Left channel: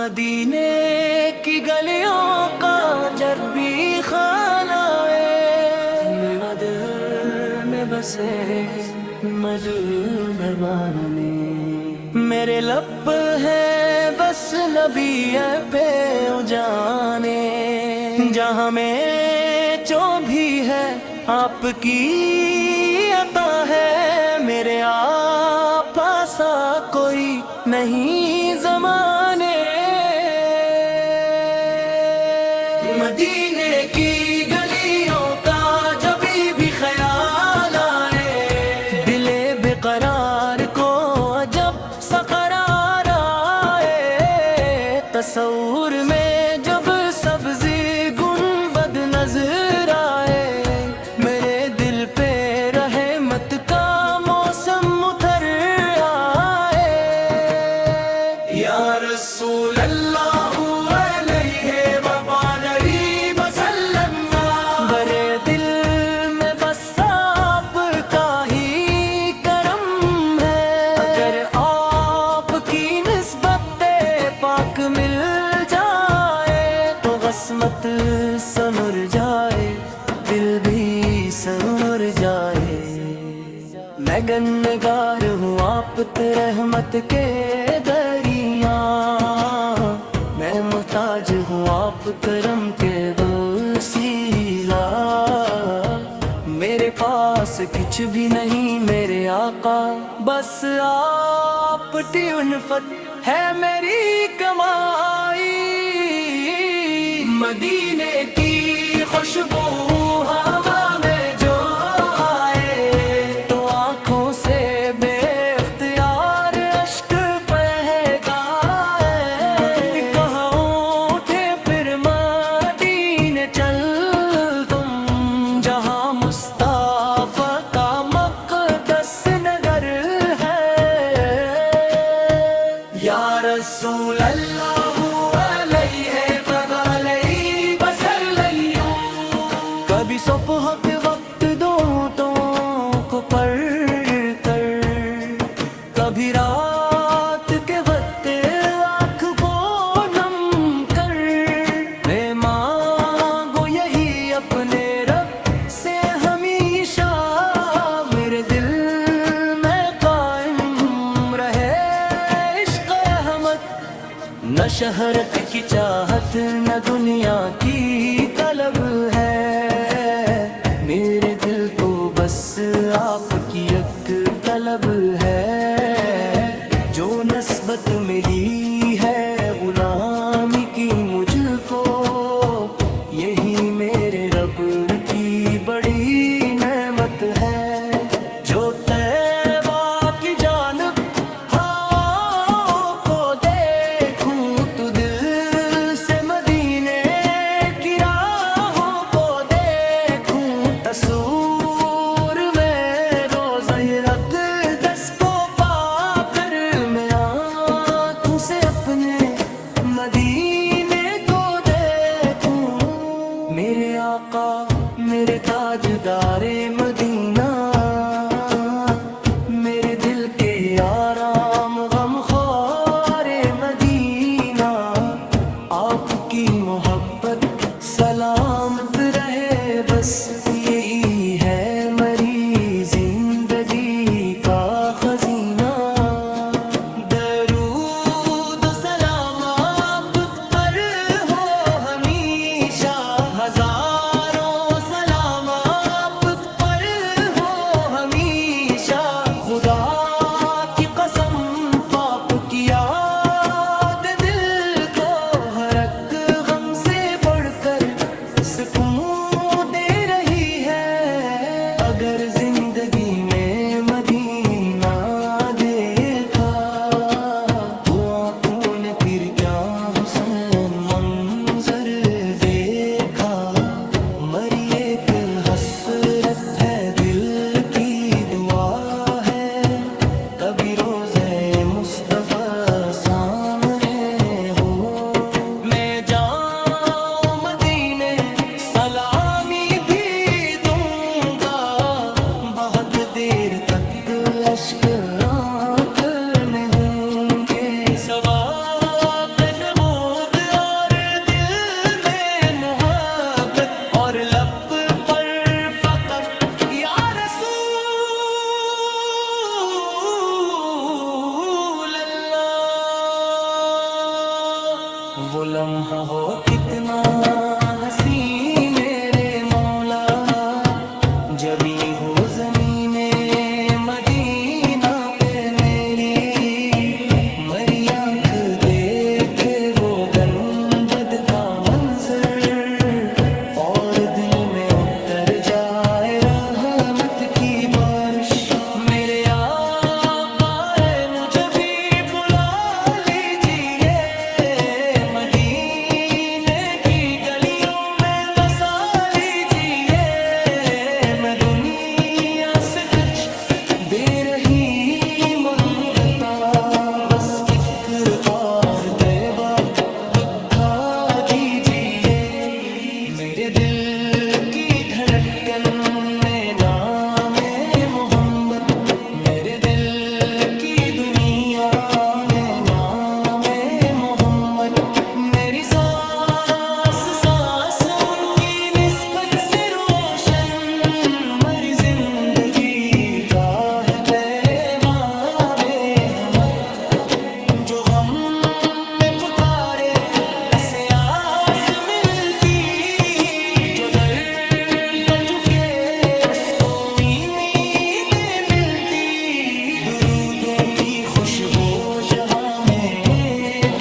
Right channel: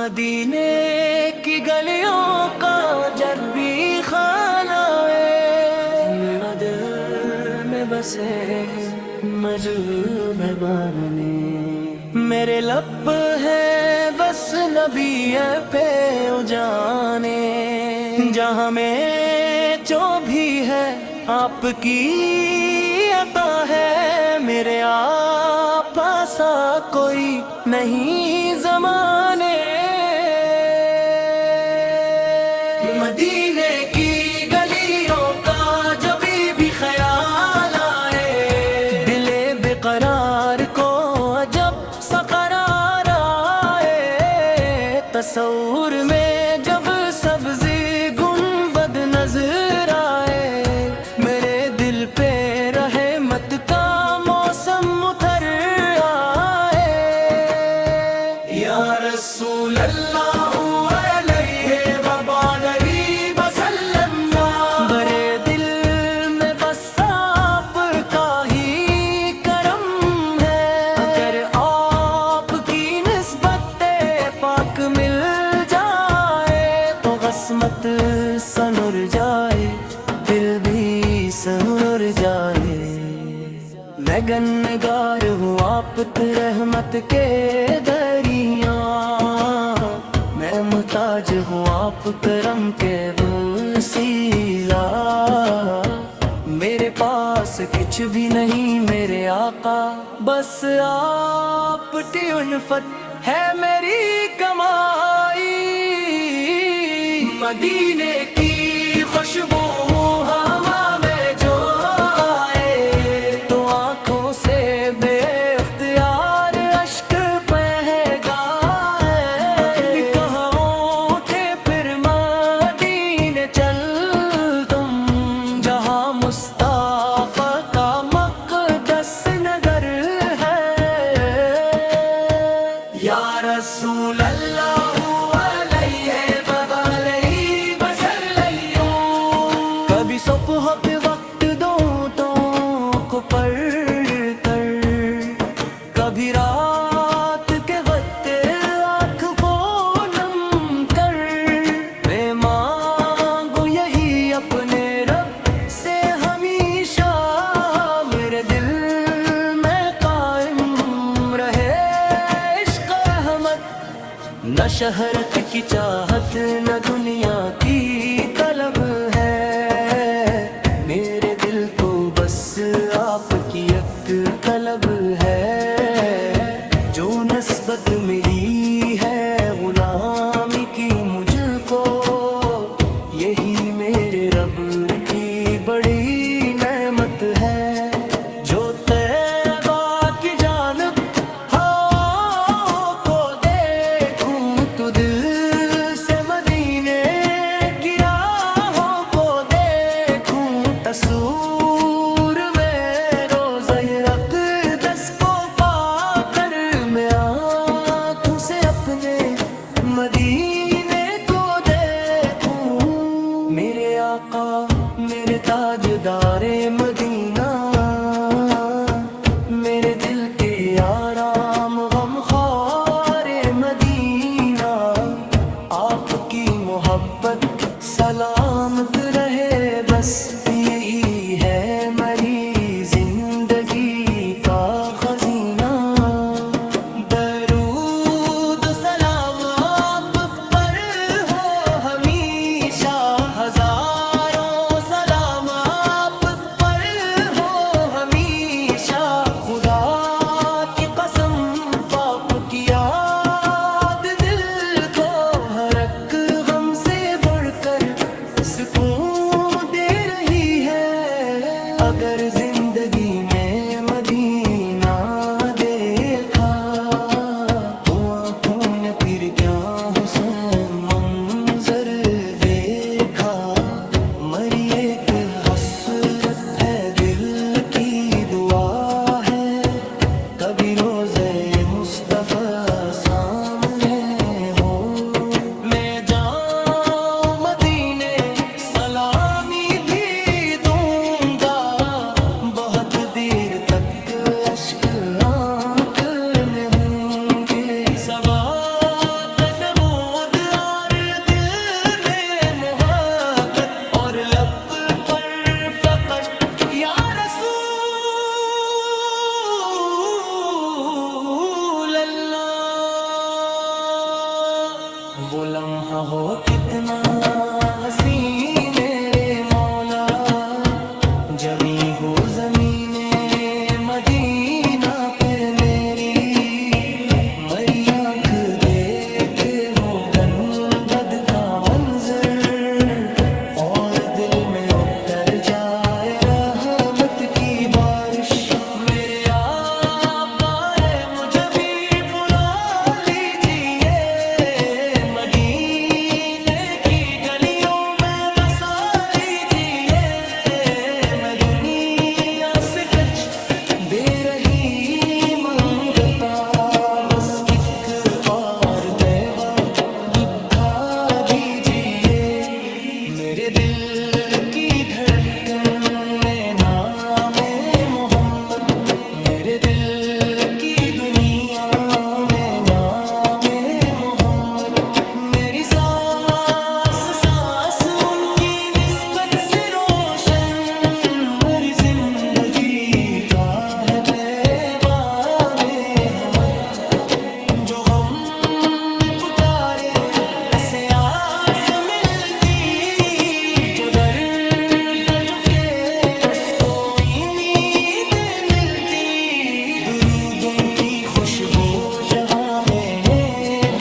مدینے کی گلیوں کا جب بھی خیال آئے، میرا دل میں بسے مجذوب باننے، میرے لب ہے بس نبی پہ جانے، جہاں میں جو بھی ہے آپ کی عطا ہے، میرے آپ ایسا کوئی نہیں زمانے۔ مدینے کی گلیوں کا جب بھی خیال آئے، دل بے قرار کو جب سا قرار آئے، تصور میں جب سبزی گنبد نظر آئے، میرے دل پہ رحمت کا موسم اتر آئے، یا رسول اللہ علیہ وآلہ وسلم، برے دل میں بس آپ کا ہی کرم ہے، اگر آپ کی نسبت پاک مل جائے تو عصمت سنر جائے، دل بھی سنر جائے، میں گنگار ہوں آپ رحمت کے دریا، میں محتاج ہوں آپ کرم کے وسیلہ، میرے پاس کچھ بھی نہیں میرے آقا، بس آپ کی الفت ہے میری کمائی، مدینے کی خوشبو ہوا میں جو آئے تو آنکھوں سے بے اختیار اشک بہہ گائے، کہاں اٹھے پھر مدینے چل تم، جہاں مصطفیٰ کا مقدس نگر ہے، یا رسول اللہ کبھی صبح کے وقت دونوں کو پڑھ کر، کبھی رات کے وقت آنکھ کو نم کر، میں مانگو یہی اپنے رب سے ہمیشہ، میرے دل میں قائم رہے عشق احمد، نہ شہرت کی چاہت نہ دنیا کی طلب ہے، میرے دل کو بس آپ کی ایک طلب ہے، جو نسبت ملی ہے غلامی کی مجھ کو، یہی میرے رب کی بڑی نعمت ہے، جو طیبہ کی جانب دل سے مدینے کی راہوں کو دیکھوں، تصور میں روضہ اقدس کو پا کر، میں آنکھوں سے اپنے مدینے کو دیکھوں، میرے آقا میرے تاجدار مدینہ، میرے دل کے آرام غم خوار مدینہ، آپ کی محبت سلامت رہے، بس یہی ہے میری زندگی کا خزینہ، درود و سلام آپ پر ہو ہمیشہ، ہزاروں سلام آپ پر ہو ہمیشہ، خدا کی قسم پاپ کی یاد دل کو ہر ایک غم سے بڑھ کر سکون دے رہی ہے، اگر زندگی میں مدینہ دیکھا تو آنکھوں نے پھر کیا حسین منظر دیکھا، مری ایک حسرت ہے دل کی دعا ہے، کبھی روزے مصطفیٰ سامنے ہو، میں جاؤں مدینے سلامی بھی دوں گا، بہت دیر تک اشک آنکھ میں ہوں گے، سبات جب وہ لمحہ ہو کتنا حسین میرے مولا، جبھی ہو زمین مدینہ پہ میری، مری آنکھ دیکھے وہ گنبد کا منظر، اور دل میں اتر جائے رحمت کی بارش۔ میرے آقا رے مجھے بھی بلا لیجیے، مدینے کی گلیوں میں بسا لیجیے، میں دنیا سے کچھ بے رہی منگتا، بس ایک اور طیبہ دکھا دیجیے، میرے دل کی دھڑکن میں نام محمد، میرے دل کی دنیا میں نام محمد، میری سانس سانس ان کی نسبت سے روشن، میری زندگی کا ہے پیغام احمد، جو غم میں پکارے ایسے آس ملتی، جو در پر جھکے اس کو امیدیں ملتی، درودوں کی خوشبو جہاں میں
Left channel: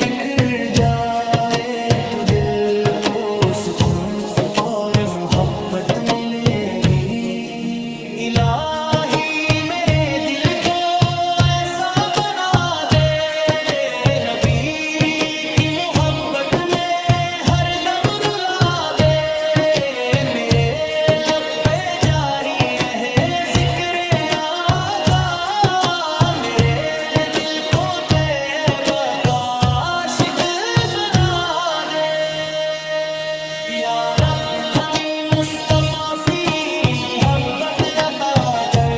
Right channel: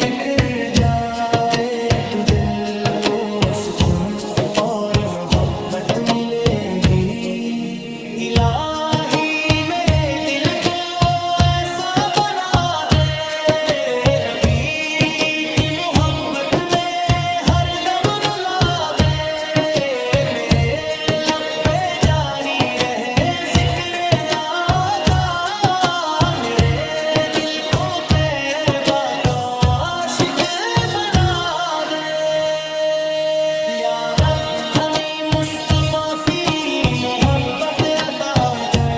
بکھر جائے تو دل کو سکون اور محبت ملے گی، الہی میرے دل کو ایسا بنا دے، نبی کی محبت میں ہر دم رلا دے، میرے لب پہ جاری رہے ذکر آقا، میرے دل کو طیبہ کا عاشق بنا دے، یا رب ہمیں مصطفیٰ کی محبت عطا کر،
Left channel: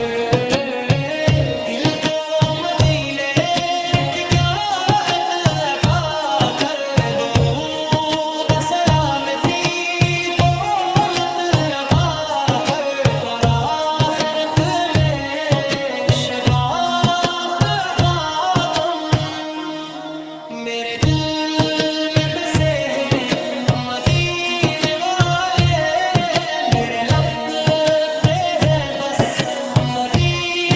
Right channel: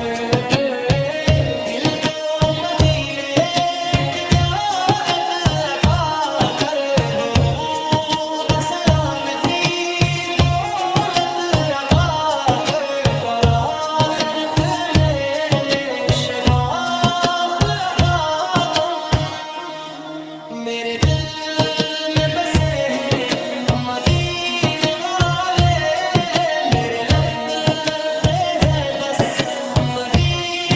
دل کو مدینے کی جاءت عطا کر، درود و سلامتی دولت عطا کر، برآخرت میں شفاعت عطا کر، میرے دل میں بسے ہیں مدینے والے، میرے لب پہ ہے بس مدینے